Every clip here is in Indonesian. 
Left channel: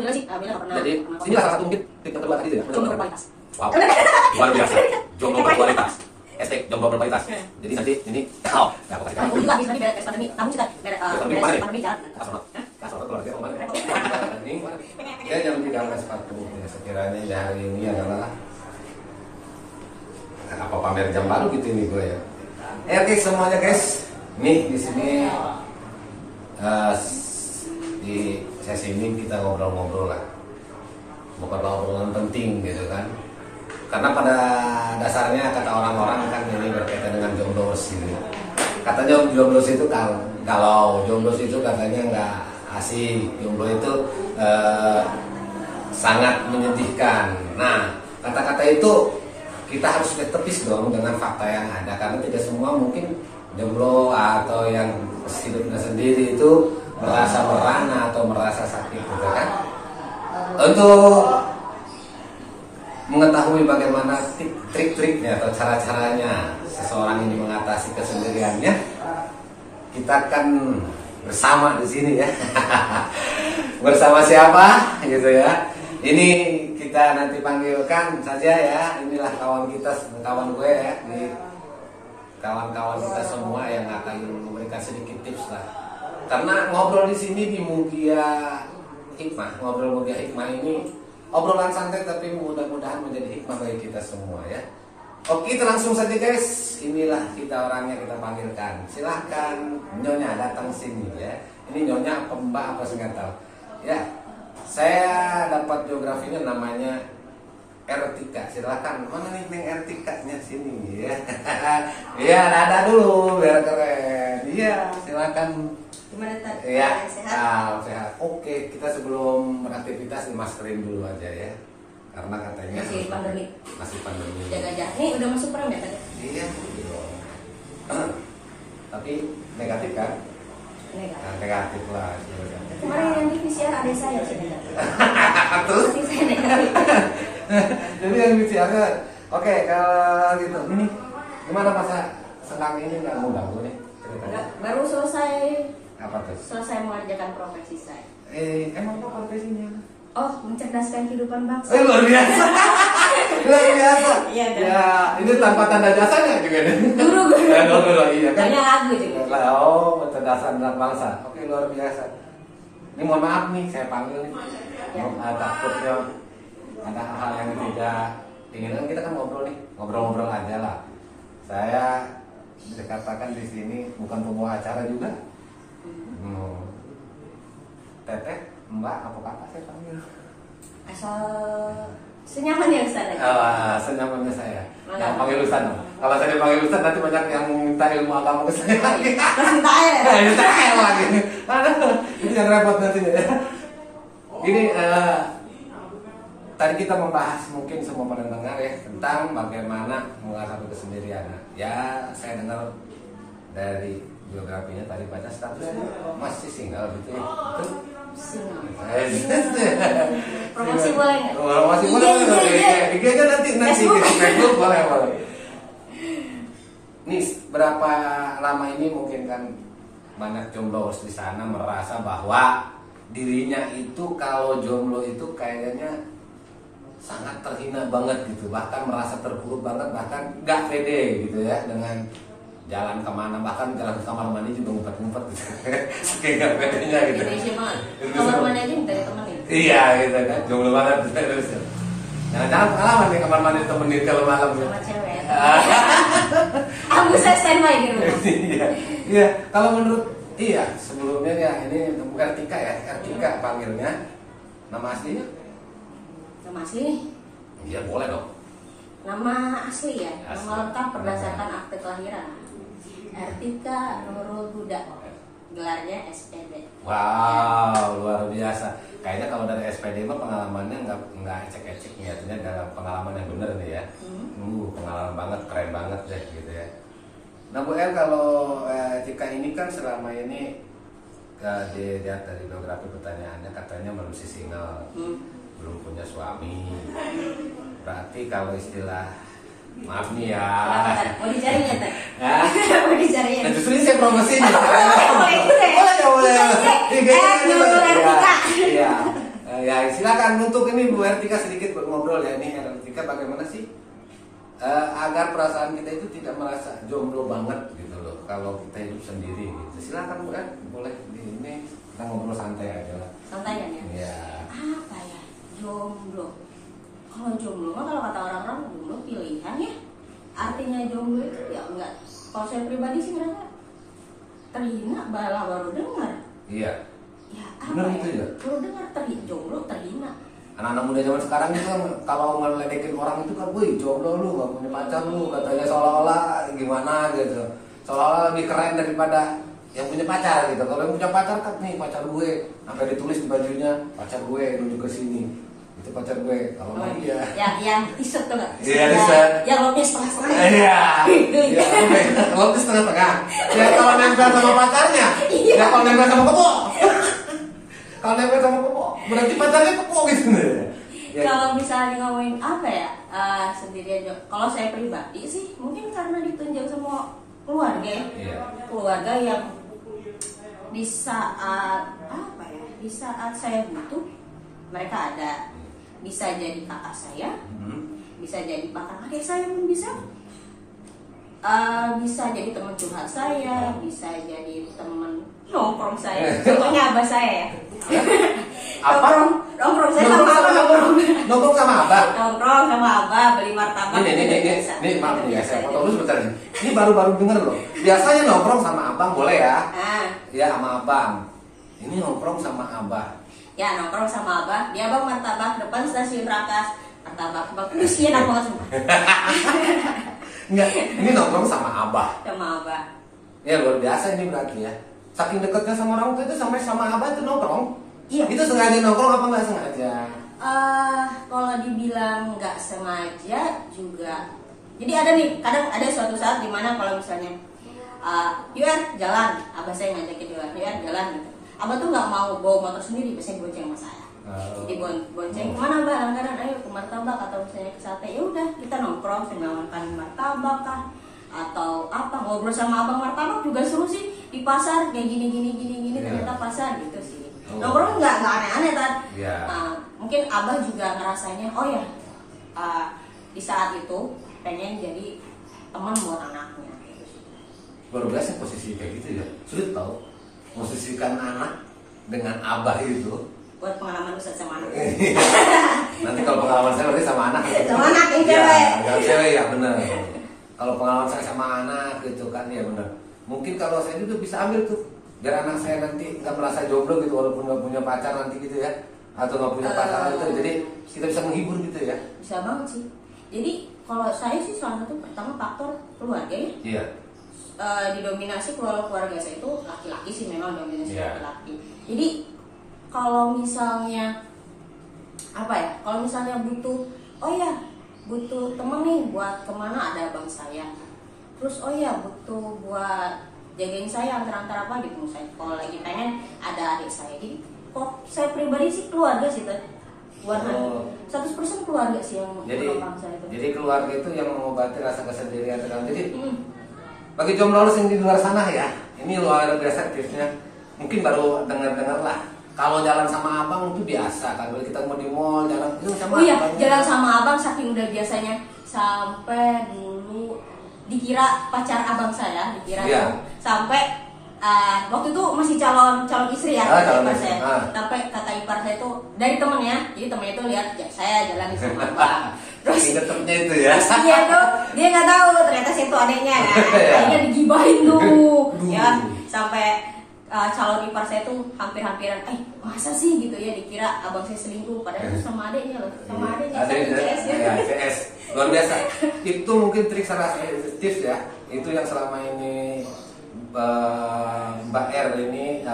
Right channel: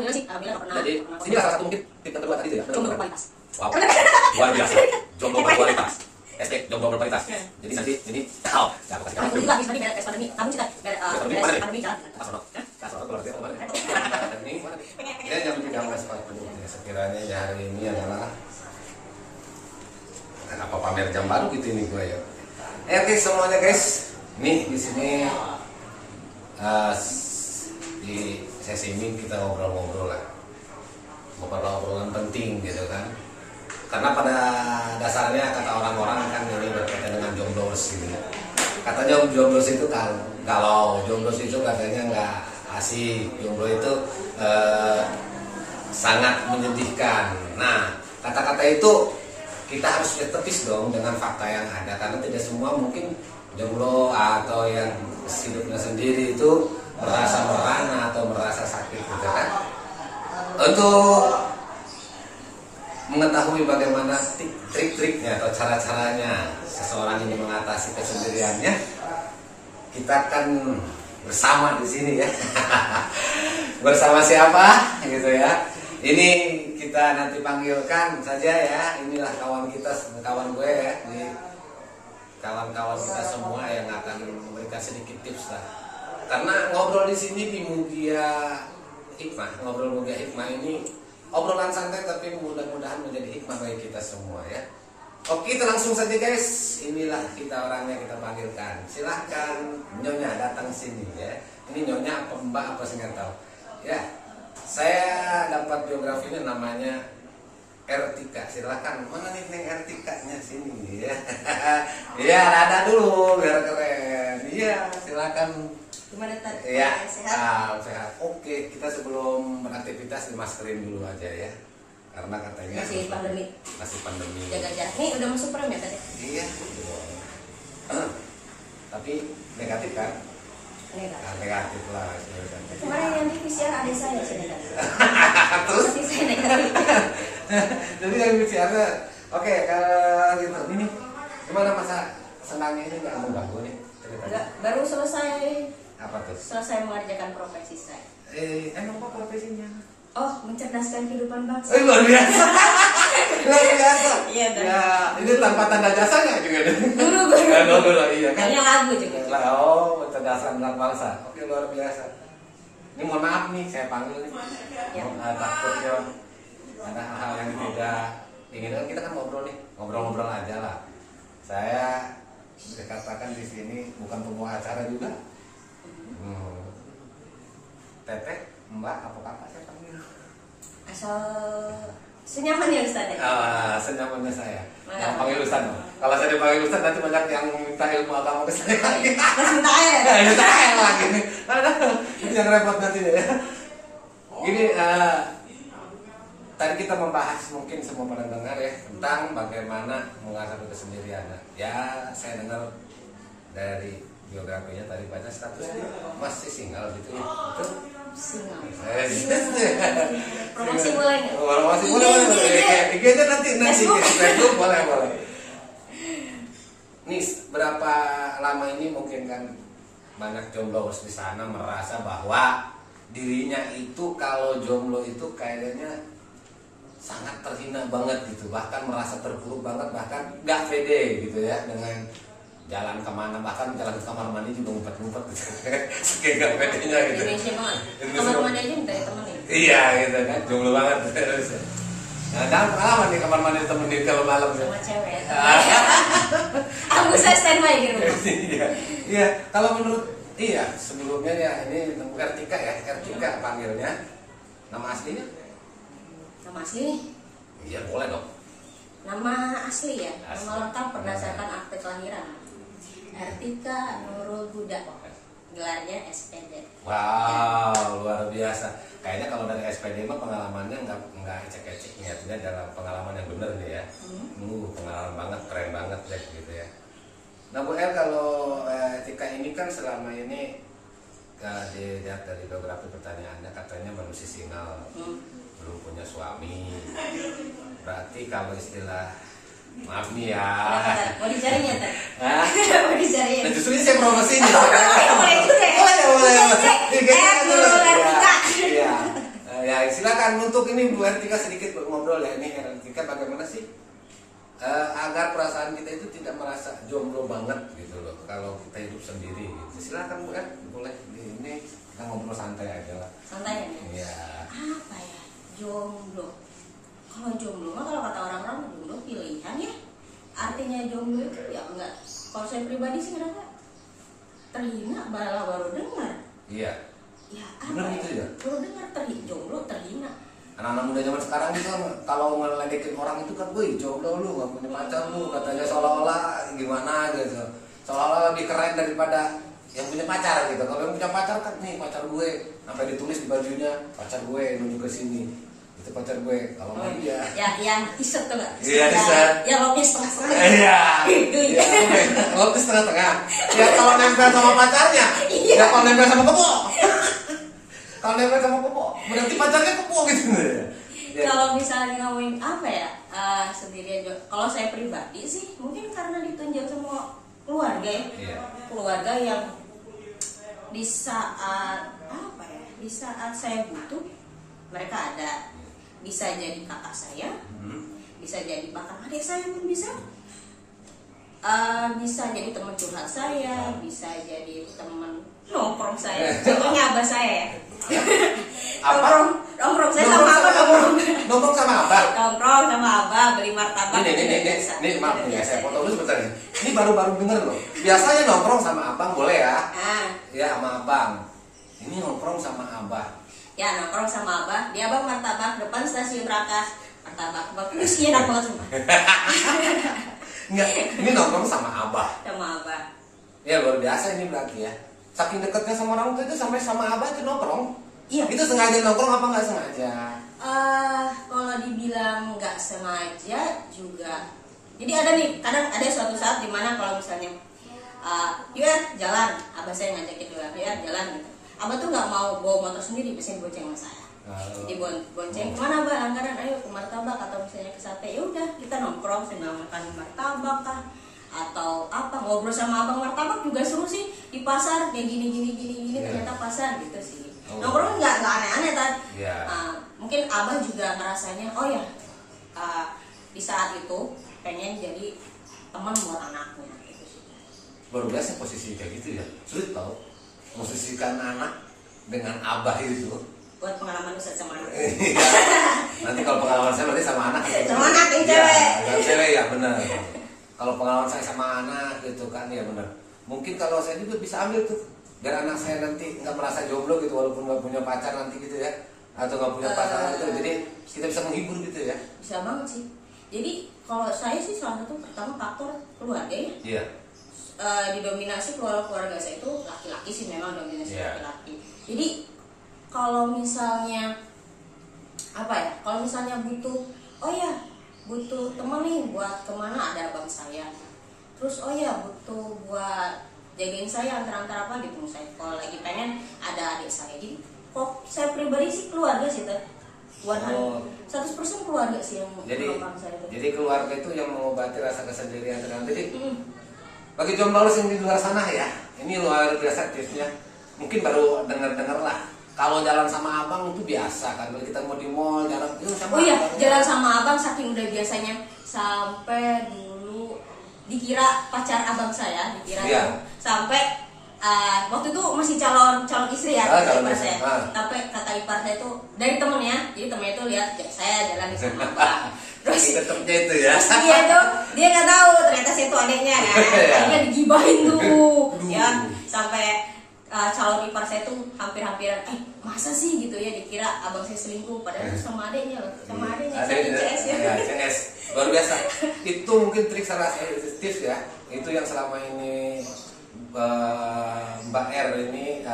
bilang sih, bilang nggak pernah. Jadi ini salah satu mungkin tip yang kedua tadi ya. Jomblo berkualitas. Wow, luar biasa. Jomblo berkualitas. Hashtag jomblo berkualitas. Jadi nanti ini, aku kasih kamu. Kamu juga bisa nih beres pandemi. Kamu juga beres pandemi jalan. Kasih keluar dia kemana? Ini mana? Dia jam 13.40. Sekiranya hari ini adalah apa pamer jam baru gitu ini gue ya. Oke semuanya guys. Nih di sini di sesi ini kita ngobrol-ngobrol lah. Beberapa obrolan penting gitu kan. Karena pada dasarnya kata orang-orang kan ini berkaitan dengan jomblos ini. Katanya jomblos itu kalau jomblos itu katanya nggak asik. Jomblo itu sangat menyedihkan. Nah kata-kata itu kita harus tepis dong dengan fakta yang ada. Karena tidak semua mungkin jomblo atau yang hidupnya sendiri itu merasa merana atau merasa sakit gitu kan. Untuk mengetahui bagaimana trik-triknya atau cara-caranya seseorang ini mengatasi kesendiriannya, kita akan bersama di sini ya. Bersama siapa gitu ya. Ini kita nanti panggilkan saja ya. Inilah kawan kita, kawan gue ya. Ini kawan-kawan kita semua yang akan memberikan sedikit tips lah. Karena ngobrol di sini di Mugia Hikmah, ngobrol Mugia Hikmah ini obrolan santai tapi mudah-mudahan menjadi hikmah bagi kita semua ya. Oke, kita langsung saja guys. Inilah kita orangnya kita panggilkan. Silahkan Nyonya datang sini ya. Ini Nyonya apa Mbak apa saya nggak tahu. Ya, saya dapat biografinya namanya Ertika. Silahkan mana nih Neng Ertikanya sini ya. Iya, ada dulu biar keren. Iya, silahkan. Gimana tadi? Ya, Sehat? sehat. Oke, kita sebelum beraktivitas dimaskerin dulu aja ya. Karena katanya Masih pandemi. Masih pandemi. Jaga jarak. Nih udah masuk perang ya tadi? Iya, gitu. Tapi negatif kan? Negatif. Nah, negatif lah. Kemarin yang di PCR ada saya sih negatif. Terus? Tapi saya negatif. Jadi yang bicara, oke kalau gitu. Ini gimana masa senang ini nggak mau ganggu nih? Enggak, baru selesai. Apa tuh? Selesai mengerjakan profesi saya. Emang apa profesinya? Oh, mencerdaskan kehidupan bangsa. Luar biasa. Luar biasa. Iya, ya, ini tanpa tanda jasanya juga. Guru. Dulu, iya kan. Banyak lagu juga. Oh, mencerdaskan anak bangsa. Oke, luar biasa. Ini mohon maaf nih, saya panggil nih. Ya. Takutnya ada hal-hal yang tidak inginkan. Kita kan ngobrol nih, ngobrol-ngobrol aja lah. Saya dikatakan di sini bukan pembawa acara juga. Teteh, Mbak, apa kakak saya panggil? Asal senyaman ya Ustaz. Senyamannya saya. Nah, panggil Ustaz dong. Kalau saya dipanggil Ustaz nanti banyak yang minta ilmu agama ke saya lagi. Terus minta air. Minta air lagi. Ini yang repot nanti ya. Gini, tadi kita membahas mungkin semua pendengar ya tentang bagaimana mengatasi kesendirian. Ya, saya dengar dari biografinya tadi baca statusnya masih single gitu ya. Betul? Single. Promosi boleh nggak? Promosi boleh. IG aja nanti Facebook boleh. Nih berapa lama ini mungkin kan banyak jomblo di sana merasa bahwa dirinya itu kalau jomblo itu kayaknya sangat terhina banget gitu, bahkan merasa terpuruk banget, bahkan gak pede gitu ya dengan jalan kemana, bahkan jalan ke kamar mandi juga ngumpet-ngumpet gitu. Saking gak pedenya gitu. Indonesia banget. Kamar mandi aja minta ditemenin. Iya gitu kan, jomblo banget terus. Jangan pengalaman nih kamar mandi temenin kalau malam. Sama cewek. Aku saya standby di rumah. Iya, kalau menurut sebelumnya ya ini Ertika ya, Ertika panggilnya. Nama aslinya? Nama asli? Iya boleh dong. Nama asli ya, nama lengkap berdasarkan akte kelahiran. Ertika Nurul Huda, gelarnya SPD. Wow, luar biasa. Kayaknya kalau dari SPD mah pengalamannya nggak ecek-ecek ya, artinya dalam pengalaman yang benar nih ya. Pengalaman banget, keren banget deh gitu ya. Nah Bu El, kalau Ertika ini kan selama ini dilihat dari beberapa pertanyaannya katanya manusia single, belum punya suami. Berarti kalau istilah maaf nih ya. Mau dicari ya Teh? Mau dicari ya? Nah, justru ini saya promosi nih. Boleh juga ya? Boleh. Ertika. Iya. Ya silakan untuk ini Bu Ertika sedikit ngobrol ya. Ini Ertika bagaimana sih agar perasaan kita itu tidak merasa jomblo banget gitu loh kalau kita hidup sendiri gitu. Silakan Bu, boleh ini kita ngobrol santai aja lah. Santai ya. Iya. Apa ya jomblo? Kalau jomblo mah kalau kata orang-orang jomblo pilihan ya. Artinya jomblo itu ya enggak. Kalau saya pribadi sih ngerasa terhina malah baru dengar. Iya. Ya apa Benar ya? itu ya. Baru dengar jomblo terhina. Anak-anak muda zaman sekarang itu kan kalau ngeledekin orang itu kan, woi jomblo lu, gak punya pacar lu, katanya seolah-olah gimana gitu, seolah-olah lebih keren daripada yang punya pacar gitu. Kalau yang punya pacar kan nih pacar gue, sampai ditulis di bajunya pacar gue nunjuk ke sini, itu pacar gue. Kalau mau dia, ya yang t-shirt tuh nggak? Iya t-shirt. Yang lopnya setengah-setengah. Iya. Kalau setengah-setengah. Ya kalau nempel sama pacarnya, ya kalau nempel sama kebo. Kalau nempel sama kebo, berarti pacarnya kebo gitu. Ya. Kalau misalnya ngomongin apa ya, sendirian. Kalau saya pribadi sih, mungkin karena ditunjuk semua keluarga ya, keluarga yang di saat apa ya, di saat saya butuh mereka ada, bisa jadi kakak saya, bisa jadi bahkan adik saya pun bisa jadi teman curhat saya, bisa jadi teman nongkrong saya, contohnya abah saya. Nongkrong saya sama abah, nongkrong sama abah. Nongkrong sama abah beli martabak. Ini maaf nih ya, saya potong dulu sebentar. Ini baru-baru dengar loh. Biasanya nongkrong sama abang boleh ya? Ya sama abang. Ini nongkrong sama abah. Ya nongkrong sama abah. Dia abang martabak depan stasiun Rakas. Martabak bagus sih, enak banget semua. Enggak, ini nongkrong sama abah. Sama abah. Ya luar biasa ini berarti ya. Saking dekatnya sama orang tua itu sampai sama abah itu nongkrong. Iya. Itu sengaja nongkrong apa nggak sengaja? Kalau dibilang nggak sengaja juga. Jadi ada nih, kadang ada suatu saat dimana kalau misalnya, yuk jalan, abah saya ngajakin duluan, yuk jalan gitu. Abah tuh nggak mau bawa motor sendiri, biasanya bonceng sama saya. Jadi bonceng kemana abah? Langgaran, ayo ke martabak atau misalnya ke sate. Ya udah kita nongkrong, saya makan martabak kah? Atau apa, ngobrol sama abang martabak juga seru sih, di pasar kayak gini ternyata pasar gitu sih. Nongkrong nggak aneh-aneh kan. Mungkin abah juga ngerasanya oh ya, di saat itu pengen jadi teman buat anaknya gitu sih. Luar biasa posisi kayak gitu ya, sulit tau posisikan anak dengan abah itu. Buat pengalaman Ustaz sama anak. Nanti kalau pengalaman saya berarti sama anak. Sama anak yang cewek. Ya, cewek ya benar. Kalau pengalaman saya sama anak gitu kan ya benar. Mungkin kalau saya juga bisa ambil tuh, biar anak saya nanti nggak merasa jomblo gitu walaupun nggak punya pacar nanti gitu ya, atau nggak punya pasangan itu. Jadi kita bisa menghibur gitu ya. Bisa banget sih. Jadi kalau saya sih salah satu pertama faktor keluarga ya. Iya. Didominasi keluarga saya itu laki-laki sih, memang dominasi laki-laki. Jadi kalau misalnya apa ya, kalau misalnya butuh, oh ya butuh temen nih buat kemana, ada abang saya. Terus oh ya butuh buat jagain saya antar-antar apa gitu, saya kalau lagi pengen ada adik saya. Jadi kok saya pribadi sih keluarga sih kan, 100% keluarga sih yang menolong saya itu. Jadi keluarga itu yang mengobati rasa kesendirian dan jadi bagi jomblo yang di luar sana ya, ini luar biasa tipsnya. Mungkin baru dengar lah. Kalau jalan sama abang itu biasa kan, kalau kita mau di mall jalan itu sama. Oh iya, jalan sama abang saking udah biasanya, sampai dulu dikira pacar abang saya, dikira tuh sampai waktu itu masih calon istri ya, ipar saya. Sampai kata ipar saya itu dari temennya, jadi temennya itu lihat ya, saya jalan sama abang. Terus ketepnya itu ya. Dia nggak tahu ternyata saya itu adanya, akhirnya digibahin tuh, ya sampai calon ipar saya tuh hampir-hampiran, masa sih gitu ya, dikira abang saya selingkuh, padahal itu sama adiknya loh, sama adiknya CS ya. CS luar biasa. Itu mungkin trik salah tips ya, itu yang selama ini Mbak R ini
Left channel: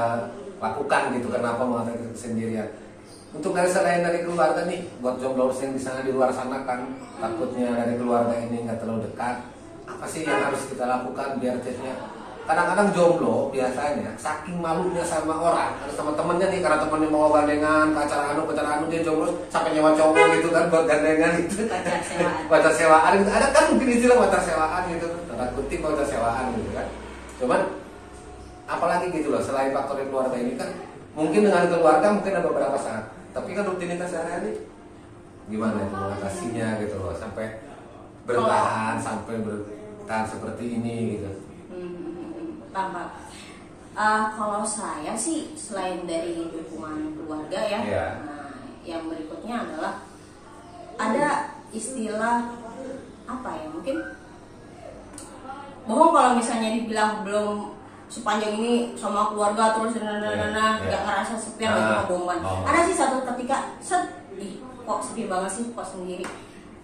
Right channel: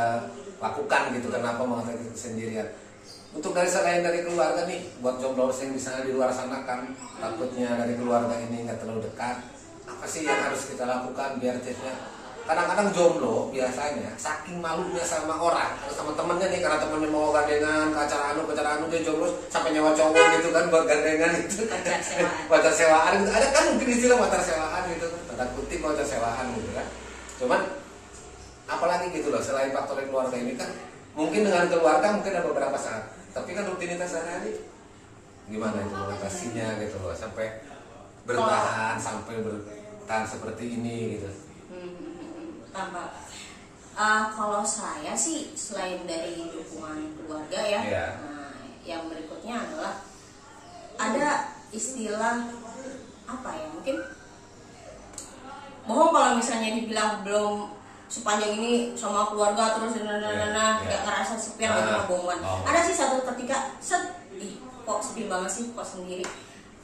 lakukan gitu. Kenapa mengatasi kesendirian? Untuk selain dari keluarga nih, buat jomblo yang di sana di luar sana kan takutnya dari keluarga ini nggak terlalu dekat, apa sih yang harus kita lakukan biar tipsnya? Kadang-kadang jomblo biasanya saking malunya sama orang, harus teman-temannya nih, karena temannya mau gandengan ke acara anu dia jomblo sampai nyewa cowok gitu kan buat gandengan gitu. Pacar sewaan gitu. Ada kan mungkin istilah pacar sewaan gitu, tanda kutip pacar sewaan gitu kan. Cuman apalagi gitu loh, selain faktor keluarga ini kan mungkin dengan keluarga mungkin ada beberapa saat. Tapi kan rutinitas sehari-hari gimana itu mengatasinya gitu loh, sampai bertahan seperti ini gitu. Tambah. Kalau saya sih selain dari dukungan keluarga ya, nah, yang berikutnya adalah ada istilah apa ya, mungkin bohong kalau misalnya dibilang belum sepanjang ini sama keluarga terus nggak ngerasa sepi, itu mah bohongan. Ada sih satu ketika kok sepi banget sih kok sendiri.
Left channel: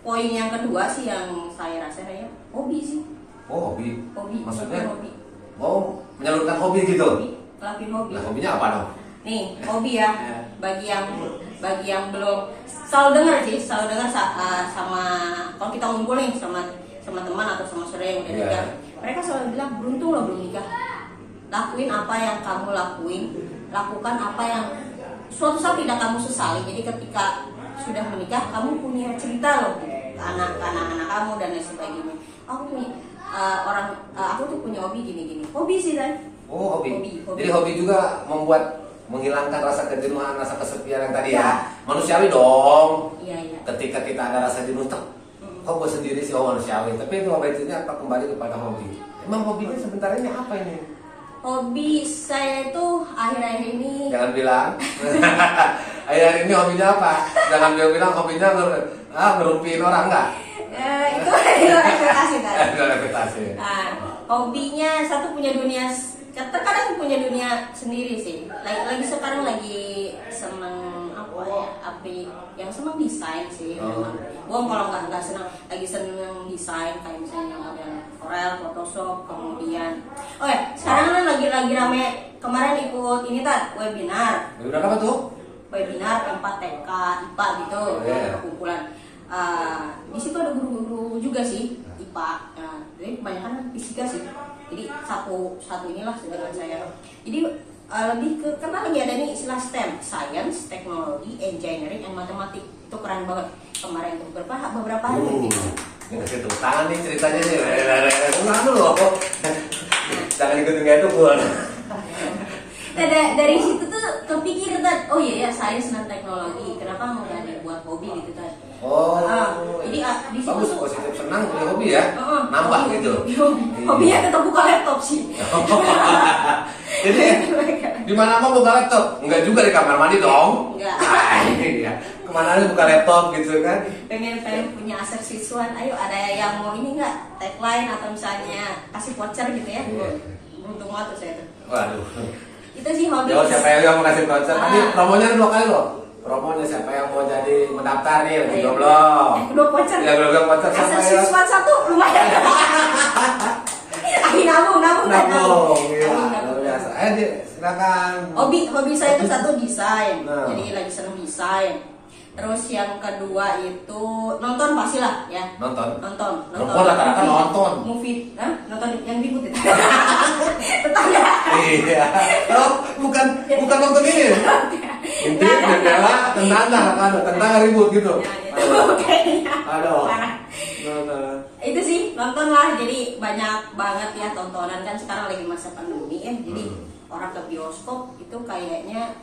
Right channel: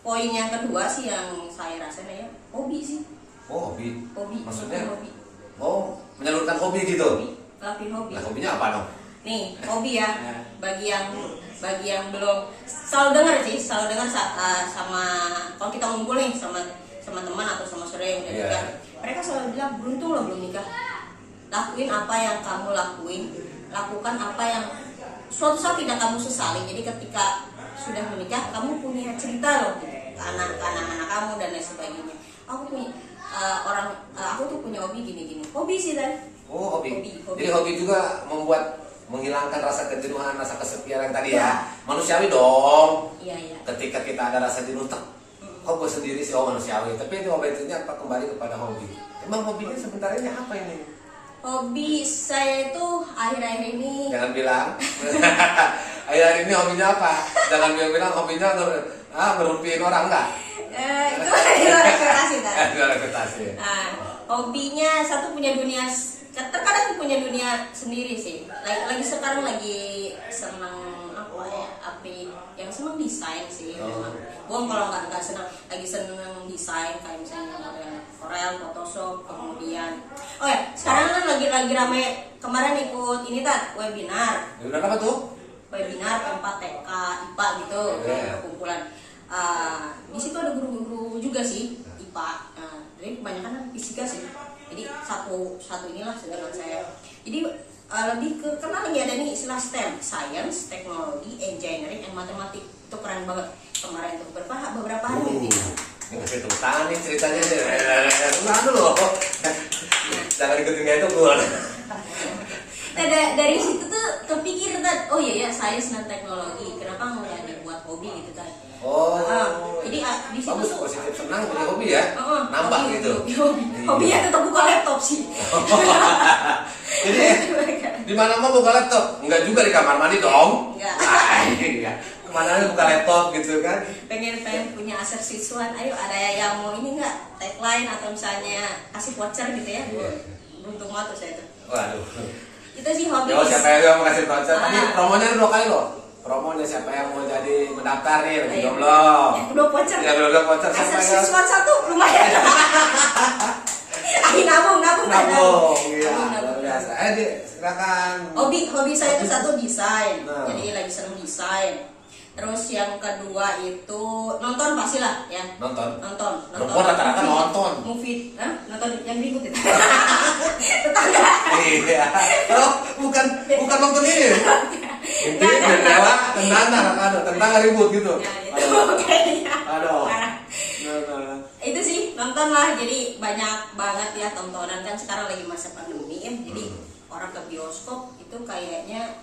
Poin yang kedua sih yang saya rasa ya hobi sih. Hobi maksudnya hobi. Menyalurkan hobi gitu. Lakuin hobi. Nah, hobinya apa dong? Nih hobi ya, bagi yang belum selalu dengar sama kalau kita ngumpul nih sama teman atau sama saudara yang udah nikah, mereka selalu bilang beruntung lo belum nikah. Lakuin apa yang kamu lakukan apa yang suatu saat tidak kamu sesali. Jadi ketika sudah menikah kamu punya cerita loh ke anak-anak kamu dan lain sebagainya. Aku tuh punya hobi gini. Hobi sih kan? Hobi. Jadi hobi juga menghilangkan rasa kejenuhan, rasa kesepian yang tadi ya. Manusiawi dong. Iya. Ketika kita ada rasa jenuh, kok gue sendiri sih manusiawi. Tapi itu itunya apa kembali kepada hobi. Emang hobinya sebentar ini apa ini? Hobi saya itu akhir-akhir ini. Jangan bilang. Akhir-akhir ini hobinya apa? Jangan bilang hobinya ngerumpiin orang enggak? Itu di luar ekspektasi kan? Di luar ekspektasi. Nah, hobinya satu punya dunia, terkadang punya dunia sendiri sih. Sekarang lagi seneng yang seneng desain sih. Gua kalau nggak seneng, lagi seneng desain kayak misalnya model Corel, Photoshop, kemudian sekarang kan lagi rame kemarin ikut ini webinar. Webinar apa tuh? Webinar tempat TK, IPA gitu, kumpulan. Di situ ada guru-guru juga sih IPA. Jadi kebanyakan fisika sih. Jadi satu inilah dengan saya. Jadi lebih ke karena lagi ada nih istilah STEM, Science, Technology, Engineering, and Mathematics. Itu keren banget kemarin tuh beberapa hari ini. Ini kasih tepuk tangan nih ceritanya sih. Ulang dulu. Jangan ikut-ikut itu gue. Dari situ tuh kepikir oh iya ya sains dan teknologi, kenapa nggak dibuat hobi gitu kan? Jadi di situ bagus, positif, senang punya hobi ya, nambah gitu. Hobinya tetap buka laptop sih. Jadi di mana mau buka laptop? Enggak juga di kamar mandi dong. Enggak. Iya. Kemana aja buka laptop gitu kan? Pengen punya aset siswaan. Ayo ada yang mau ini nggak tagline atau misalnya kasih voucher gitu ya? Beruntung banget saya tuh. Waduh. Itu sih hobi. Siapa yang mau kasih voucher? Tadi promonya 2 kali loh. Promonya siapa yang mau jadi mendaftar nih? Belum. Yang kedua voucher. Yang kedua voucher. Aset siswaan 1 lumayan. Nabung. Iya. Luar biasa. Silakan. Hobi saya itu satu desain. Jadi lagi seneng desain. Terus yang kedua itu nonton pastilah ya. Nonton. Perempuan rata-rata nonton. Movie, nonton yang ribut itu. Tetangga. Iya. Bukan nonton ini. Intip jendela tentang ribut gitu. Aduh. Itu sih nonton lah. Jadi banyak banget ya tontonan kan sekarang lagi masa pandemi ya. Jadi orang ke bioskop itu kayaknya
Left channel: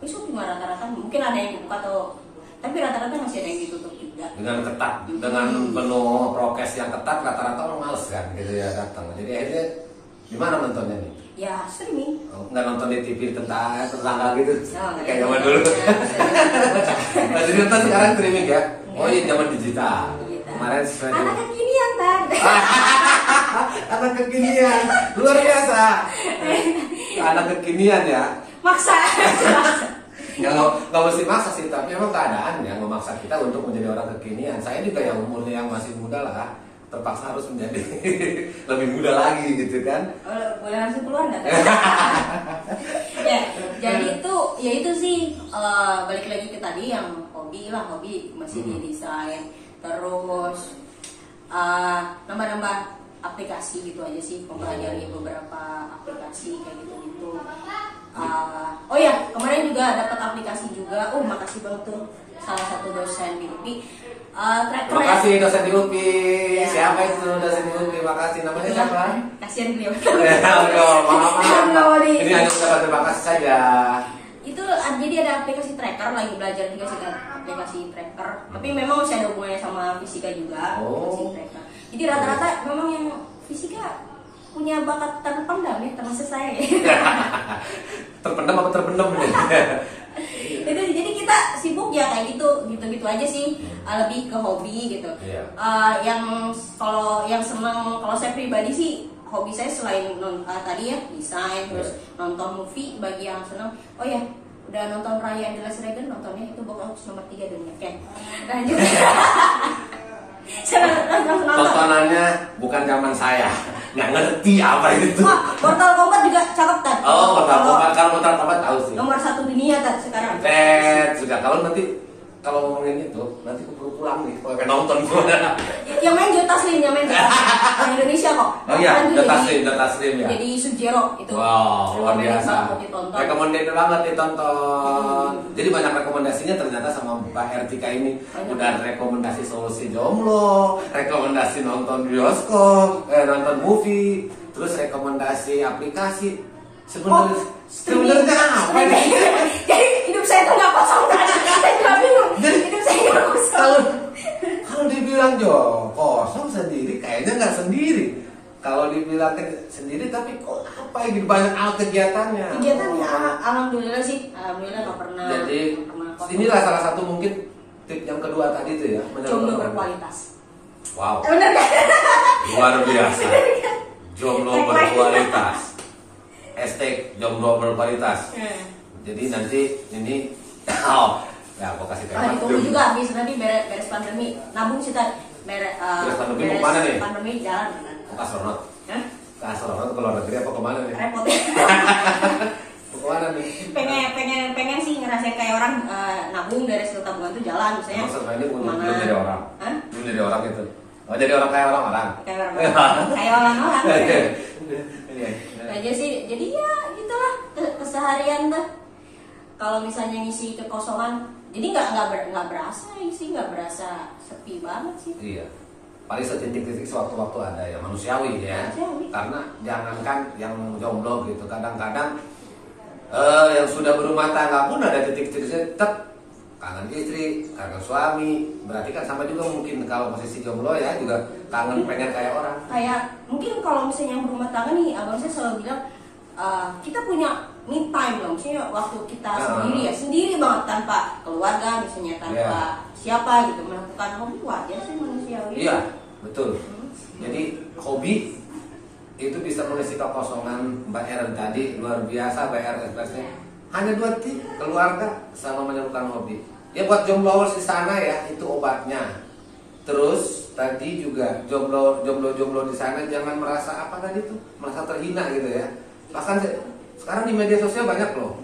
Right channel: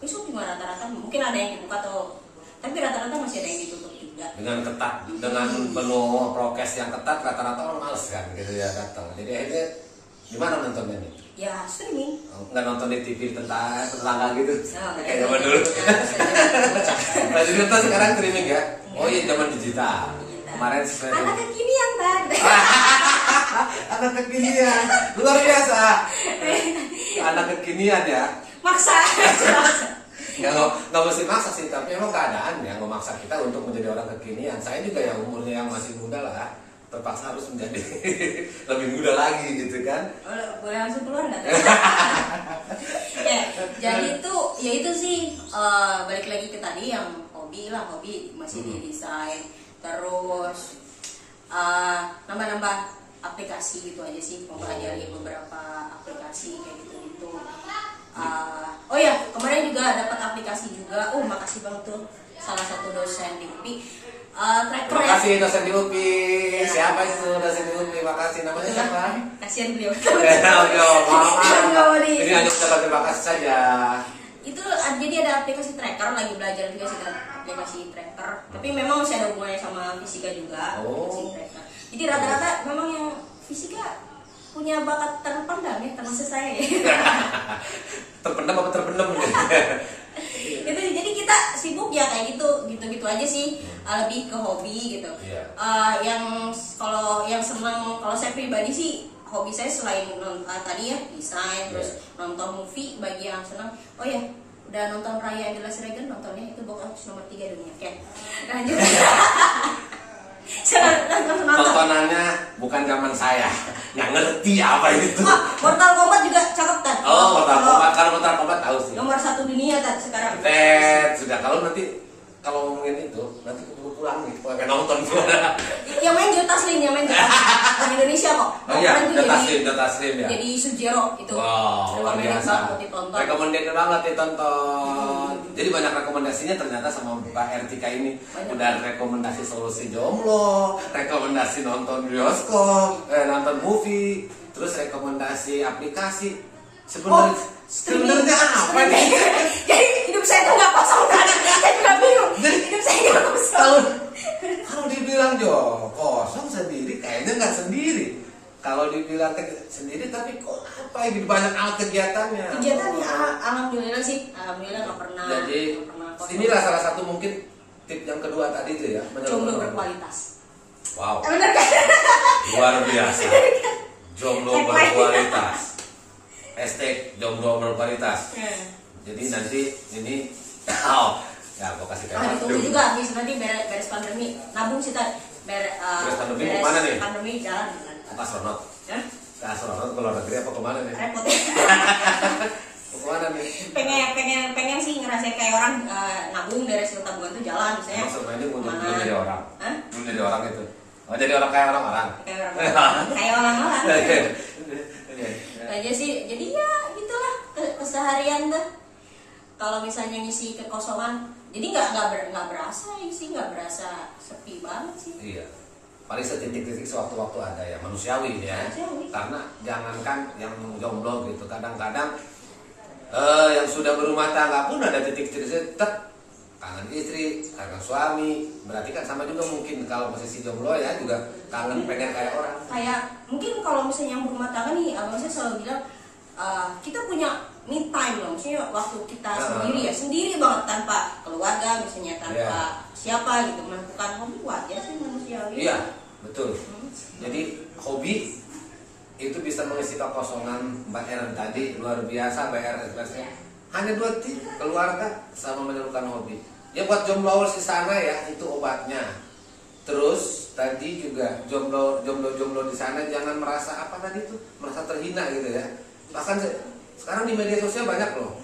bioskop juga rata-rata mungkin ada yang dibuka tapi rata-rata masih ada yang ditutup juga. Dengan ketat, dengan penuh prokes yang ketat, rata-rata orang males kan gitu ya datang. Jadi akhirnya di mana nontonnya nih? Ya streaming. Nggak nonton di TV tetangga gitu. Kayak zaman dulu. Nah, jadi nonton sekarang streaming ya? Oh iya, zaman digital. Kemarin anak kekinian kan? Anak kekinian, luar biasa. Anak kekinian ya. Maksa. Nggak mesti maksa sih, tapi memang keadaan yang memaksa kita untuk menjadi orang kekinian. Saya juga yang umurnya yang masih muda lah, terpaksa harus menjadi lebih muda lagi gitu kan. Boleh langsung keluar nggak? Ya, jadi itu sih balik lagi ke tadi yang hobi masih di desain. Terus nambah aplikasi gitu aja sih, mempelajari beberapa aplikasi kayak gitu. Oh ya, kemarin juga dapat aplikasi juga. Makasih banget tuh salah satu dosen di UPI. Terima kasih dosen di UPI. Siapa itu dosen di UPI? Makasih, namanya siapa? Kasihan beliau. Maaf. Ini hanya ucapan terima kasih saja. Itu jadi ada aplikasi tracker, lagi belajar juga sih aplikasi tracker. Tapi memang masih ada hubungannya sama fisika juga, aplikasi tracker. Jadi rata-rata memang yang fisika punya bakat terpendam ya, termasuk saya ya. Terpendam apa terpendam gitu? Itu jadi kita sibuk ya kayak gitu aja sih, lebih ke hobi gitu. Yang kalau yang seneng, kalau saya pribadi sih hobi saya selain tadi ya desain, terus nonton movie. Bagi yang seneng, oh ya udah nonton Raya and the Last Dragon, nontonnya itu box nomor 3 dunia. Oke, lanjut. Tontonannya bukan zaman saya, nggak ngerti apa itu. Mortal Kombat juga cakep kan? Oh, Mortal Kombat, kalau Mortal Kombat tahu sih. Nomor 1 dunia kan sekarang. Juga kalau ngomongin itu nanti keburu pulang nih, pengen nonton. Yang main Joe Taslim, yang Indonesia kok. Oh iya, Joe Taslim ya. Jadi Sub-Zero itu. Wow, luar biasa. Recommended banget ditonton. Jadi banyak rekomendasinya ternyata sama Mbak Ertika ini. Udah rekomendasi solusi jomblo, rekomendasi nonton bioskop, nonton movie, terus rekomendasi aplikasi. Sebenarnya apa nih? Jadi hidup saya tuh nggak kosong kan? Saya bingung. Hidup saya nggak kosong. Kalau dibilang kosong sendiri, kayaknya nggak sendiri. Kalau dibilang sendiri, tapi kok apa gitu, banyak kegiatannya. Kegiatannya alhamdulillah sih, alhamdulillah nggak pernah. Jadi inilah salah satu mungkin tip yang kedua tadi itu ya, jomblo berkualitas. Wow. Benar kan? Luar biasa. Jomblo berkualitas. #jomblo berkualitas. Jadi nanti ini ya aku kasih tahu. Ditunggu juga habis nanti beres pandemi, nabung sih tadi. Beres pandemi kemana nih? Pandemi jalan. Ke astronot. Ke astronot ke luar negeri apa kemana nih? Repot. Kemana nih? Pengen sih ngerasain kayak orang nabung dari hasil tabungan itu jalan misalnya. Maksudnya ini belum jadi orang. Belum jadi orang itu. Oh, jadi orang kayak orang-orang. Kayak orang-orang. Aja sih, jadi ya gitulah keseharian tuh. Kalau misalnya ngisi kekosongan, jadi nggak berasa sih, nggak berasa sepi banget sih. Iya. Paling setitik-titik sewaktu-waktu ada ya, manusiawi ya. Karena jangankan yang jomblo gitu, kadang-kadang yang sudah berumah tangga pun ada titik-titik tetap kangen istri, kangen suami. Berarti kan sama juga mungkin kalau masih si jomblo ya juga kangen pengen kayak orang. Kayak mungkin kalau misalnya yang berumah tangga nih, abang saya selalu bilang kita punya me time loh, misalnya waktu kita sendiri banget tanpa keluarga, misalnya tanpa siapa gitu, melakukan hobi wajar sih manusiawi. Iya, betul. Jadi hobi itu bisa mengisi kekosongan. Mbak Erin tadi luar biasa BR-nya. Hanya 2 tip, keluarga sama menyalurkan hobi. Ya buat jombloers di sana ya, itu obatnya. Terus tadi juga jomblo di sana jangan merasa apa tadi tuh, merasa terhina gitu ya. Bahkan sekarang di media sosial banyak loh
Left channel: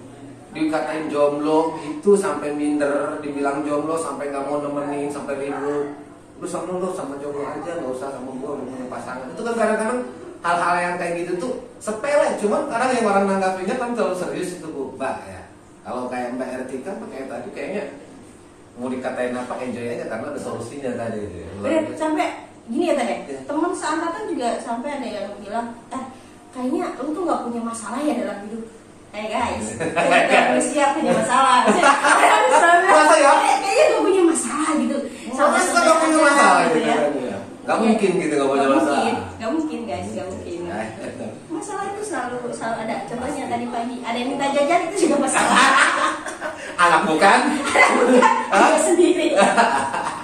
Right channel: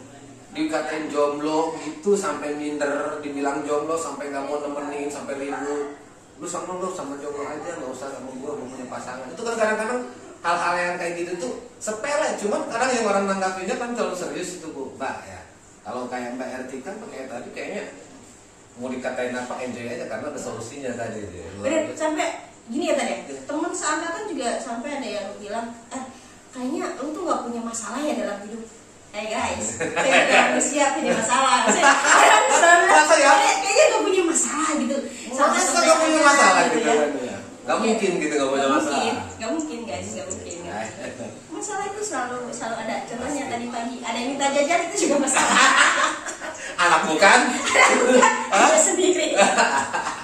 dikatain jomblo gitu sampai minder, dibilang jomblo sampai nggak mau nemenin, sampai ribut. Lu sama jomblo aja, nggak usah sama gua mau punya pasangan. Itu kan kadang-kadang hal-hal yang kayak gitu tuh sepele, cuman kadang yang orang nanggapinya kan terlalu serius itu Bu Mbak ya. Kalau kayak Mbak Ertika kayak tadi kayaknya mau dikatain apa enjoy aja karena ada solusinya tadi. Sampai gini ya tadi, teman seangkatan juga sampai ada yang bilang, kayaknya lu tuh nggak punya masalah ya dalam hidup. Guys, kayaknya siap punya masalah. Kayaknya nggak punya masalah gitu. Sama nggak punya masalah gitu ya. Gak mungkin gitu nggak punya masalah. Gak mungkin guys, gak mungkin. Masalah itu selalu ada. Contohnya tadi pagi ada yang minta jajan, itu juga masalah. Anak bukan? Ada sendiri.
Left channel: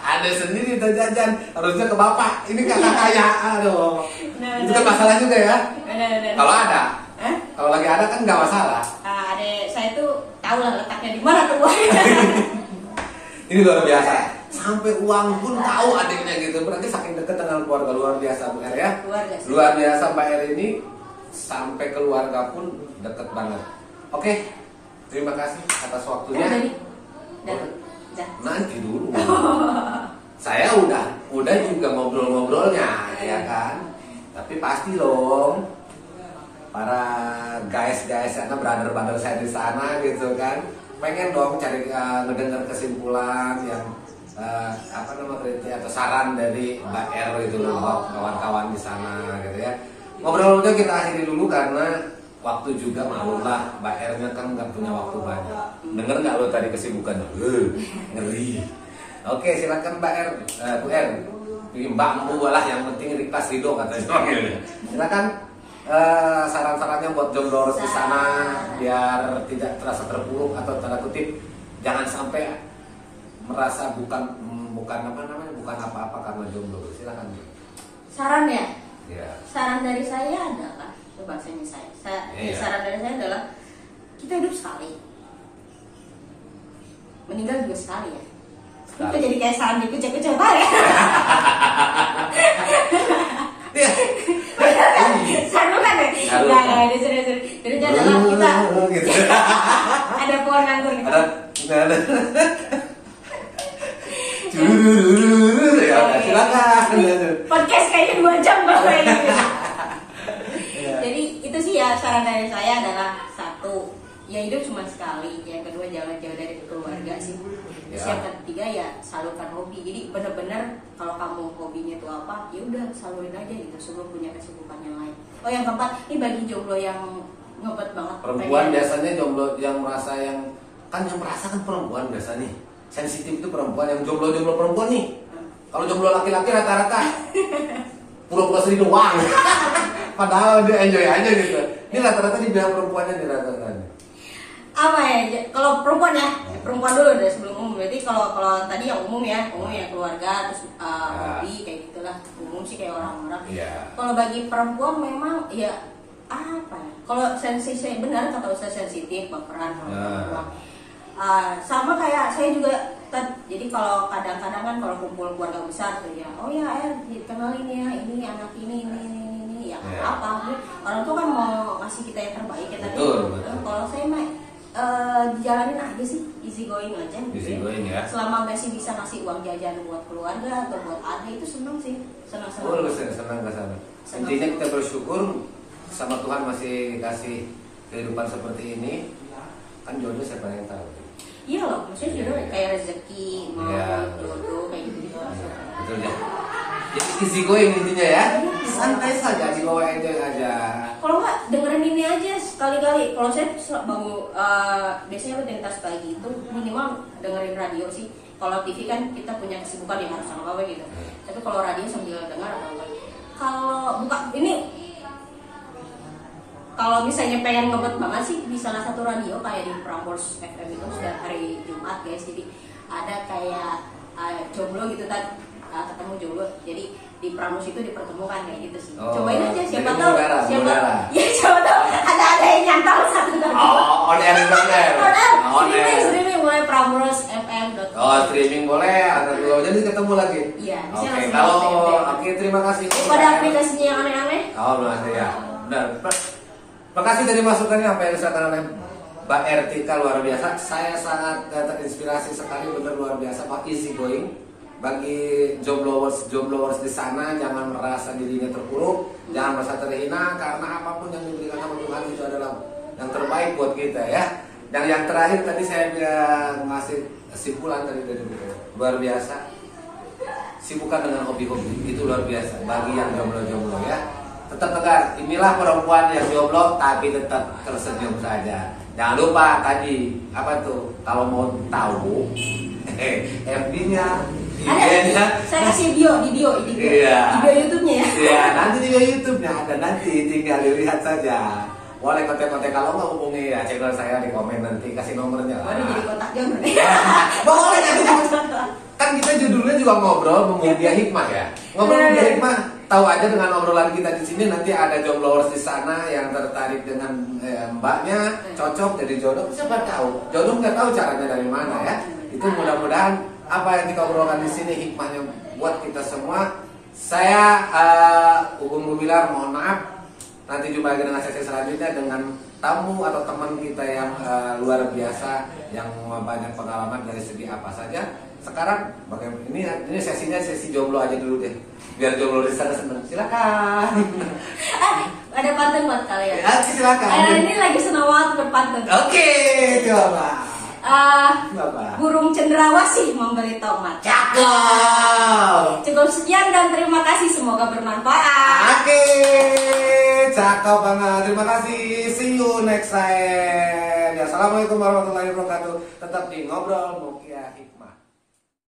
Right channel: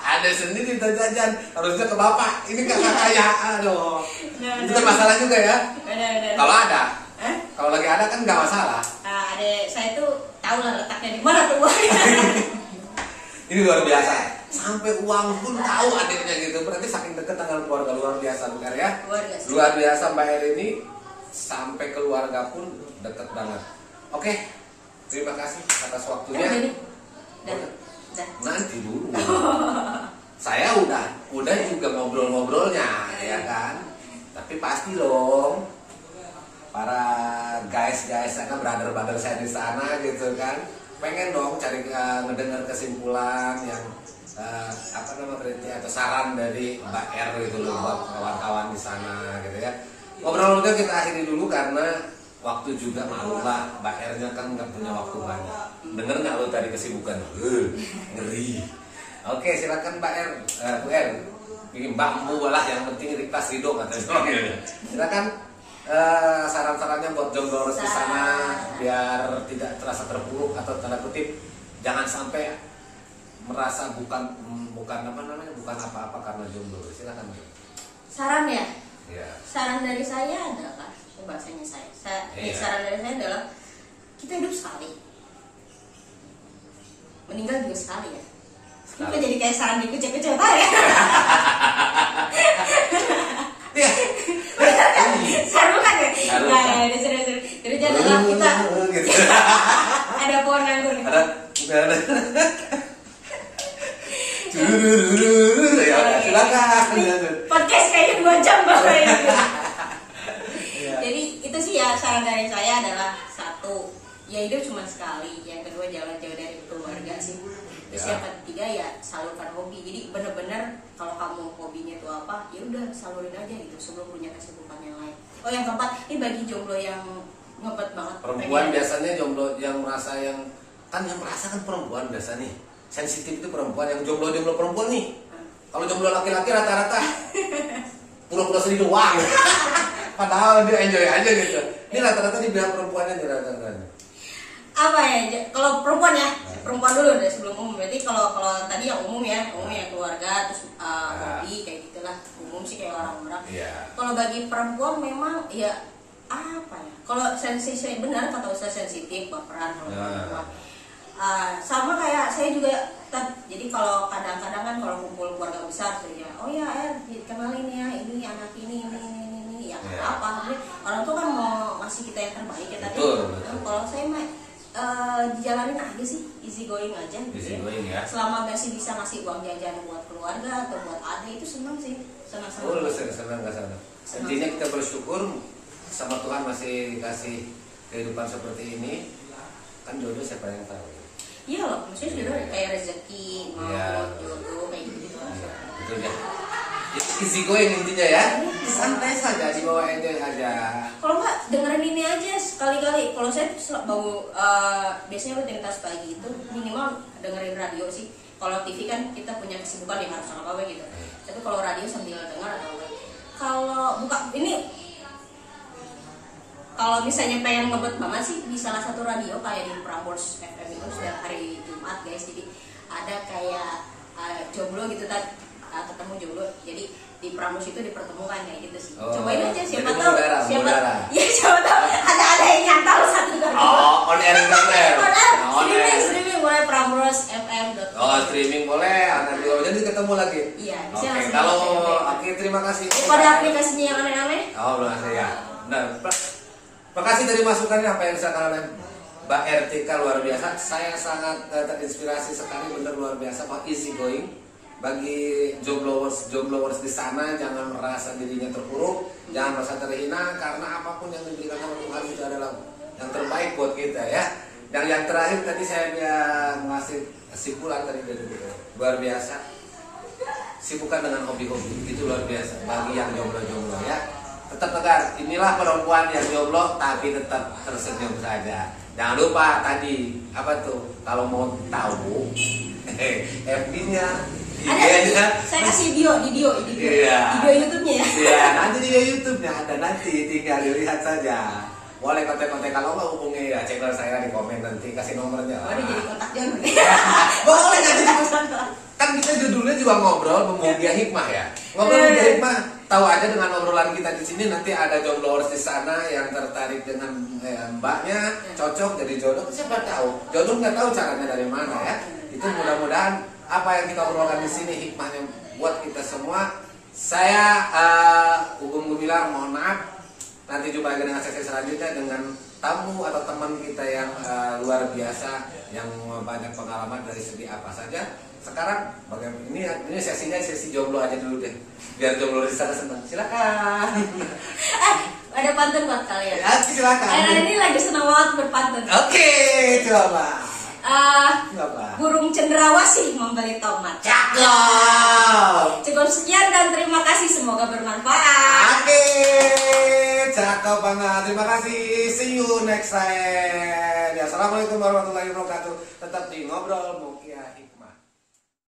Ada sendiri minta jajan, harusnya ke bapak. Ini kakak kaya, aduh. Itu kan masalah juga ya. Kalau ada, kalau lagi ada kan nggak masalah. Adek saya tuh tahu lah letaknya di mana tuh uangnya. Ini luar biasa. Sampai uang pun tahu adiknya gitu. Berarti saking dekat dengan keluarga, luar biasa Bu Er ya. Luar biasa Mbak Er ini sampai keluarga pun deket banget. Oke, terima kasih atas waktunya. Nanti dulu. Saya udah juga ngobrol-ngobrolnya ya kan. Tapi pasti dong para guys sana, brother saya di sana gitu kan, pengen dong cari ngedengar kesimpulan yang kritik atau saran dari Mbak Er gitu loh buat kawan-kawan di sana gitu ya. Ngobrolnya kita akhiri dulu karena waktu juga maklumlah, Mbak R-nya kan nggak punya waktu banyak. Dengar nggak lo tadi kesibukan? Ngeri. Oke, silakan Mbak R, Bu R, Mbak Mbu lah, yang penting ikhlas ridho katanya. Silakan saran-sarannya buat jomblo di sana biar tidak terasa terpuruk atau tanda kutip jangan sampai merasa bukan apa-apa karena jomblo. Silakan. Saran ya? Ya. Saran dari saya adalah bahasanya saran dari saya adalah kita hidup sekali, meninggal juga sekali ya. Kita jadi kayak saran di kucing-kucing ya. Seru kan ya? Nah, jadi adalah kita ada pohon anggur gitu. Ada. Ya, silakan. Podcast kayaknya 2 jam bang. Jadi itu sih ya, saran dari saya adalah satu, ya hidup cuma sekali. Yang kedua, jangan jauh dari keluarga sih. Terus yang ketiga ya salurkan hobi. Jadi benar-benar kalau kamu hobinya itu apa, ya udah salurin aja gitu sebelum punya kesibukan yang lain. Oh yang keempat, ini bagi jomblo yang ngebet banget. Perempuan biasanya jomblo yang merasa yang perempuan biasa nih. Sensitif itu perempuan, yang jomblo perempuan nih. Kalau jomblo laki-laki rata-rata pura-pura sedih doang. Padahal dia enjoy aja gitu. Ini rata-rata di pihak perempuannya nih rata-rata. Apa ya? Kalau perempuan ya, perempuan dulu deh sebelum umum. Berarti kalau tadi yang umum ya keluarga, terus hobi kayak gitulah. Umum sih kayak orang-orang. Kalau bagi perempuan memang ya apa ya? Kalau sensitif benar kata Ustaz, sensitif, baperan kalau perempuan. Sama kayak saya juga jadi kalau kadang-kadang kan kalau kumpul keluarga besar tuh ya, oh ya kenalin ya ini anak ini ya apa orang tuh kan mau ngasih kita yang terbaik ya tadi. Kalau saya mah dijalanin aja sih, easy going aja gitu ya. Selama masih bisa ngasih uang jajan buat keluarga atau buat adik itu senang sih, senang ke sana. Intinya kita bersyukur sama Tuhan masih dikasih kehidupan seperti ini. Kan jodoh siapa yang tahu. Iya loh, maksudnya juga kayak rezeki, mau jodoh kayak gitu. Betul ya. Easy going intinya ya. Santai saja, dibawa enjoy aja. Kalau nggak dengerin ini aja sekali-kali. Kalau saya mau biasanya rutinitas pagi itu minimal dengerin radio sih. Kalau TV kan kita punya kesibukan yang harus apa gitu. Tapi kalau radio sambil dengar atau enggak. Kalau buka ini. Kalau misalnya pengen ngebet banget sih di salah satu radio kayak di Prambors FM itu setiap hari Jumat guys. Jadi ada kayak jomblo gitu kan, ketemu jomblo. Jadi di Prambors itu dipertemukan kayak gitu sih. Cobain aja siapa tahu ada yang nyantol satu kali. On air banget. Streaming boleh Prambors.fm. Streaming boleh. Jadi ketemu lagi. Iya. Oke, terima kasih. Pada aplikasinya yang aneh-aneh. Ya. Benar. Makasih dari masukannya apa yang disampaikan oleh Mbak RTK, luar biasa. Saya sangat terinspirasi sekali, benar luar biasa. Easy going. Bagi jombloers di sana jangan merasa dirinya terpuruk, jangan merasa terhina karena apapun yang diberikan sama Tuhan itu adalah yang terbaik buat kita ya. Dan yang terakhir tadi saya ngasih kesimpulan tadi luar biasa. Sibukkan dengan hobi-hobi itu luar biasa bagi yang jomblo ya. Tetap tegar, inilah perempuan yang jomblo tapi tetap tersenyum saja. Jangan lupa tadi apa tuh, kalau mau tahu FB-nya, IG-nya, saya kasih video YouTube-nya ya. Iya, nanti di YouTube-nya ada, nanti tinggal dilihat saja. Boleh kontak-kontak, kalau nggak hubungi ya channel saya di komen nanti, kasih nomornya. Jadi kontak jangan. Boleh kan kita judulnya juga ngobrol memuja hikmah ya. Ngobrol memuja hikmah. Tahu aja dengan obrolan kita di sini, nanti ada jombloers di sana yang tertarik dengan mbaknya, cocok jadi jodoh. Siapa tahu? Jodoh nggak tahu caranya dari mana ya. Itu mudah-mudahan apa yang kita obrolkan di sini hikmahnya buat kita semua. Saya Ugum Gumilar, mohon maaf. Nanti jumpa lagi dengan sesi selanjutnya dengan tamu atau teman kita yang luar biasa, yang banyak pengalaman dari segi apa saja. Sekarang ini sesinya sesi jomblo aja dulu deh, biar jomblo di sana senang. Silakan. Ada pantun buat kalian. Ya, silakan. Ini lagi senang banget berpantun. Oke, coba. Burung cendrawasih membeli tomat. Cakep. Cukup sekian dan terima kasih, semoga bermanfaat. Oke. cakep banget. Terima kasih. See you next time. Ya, assalamualaikum warahmatullahi wabarakatuh. Tetap di ngobrol.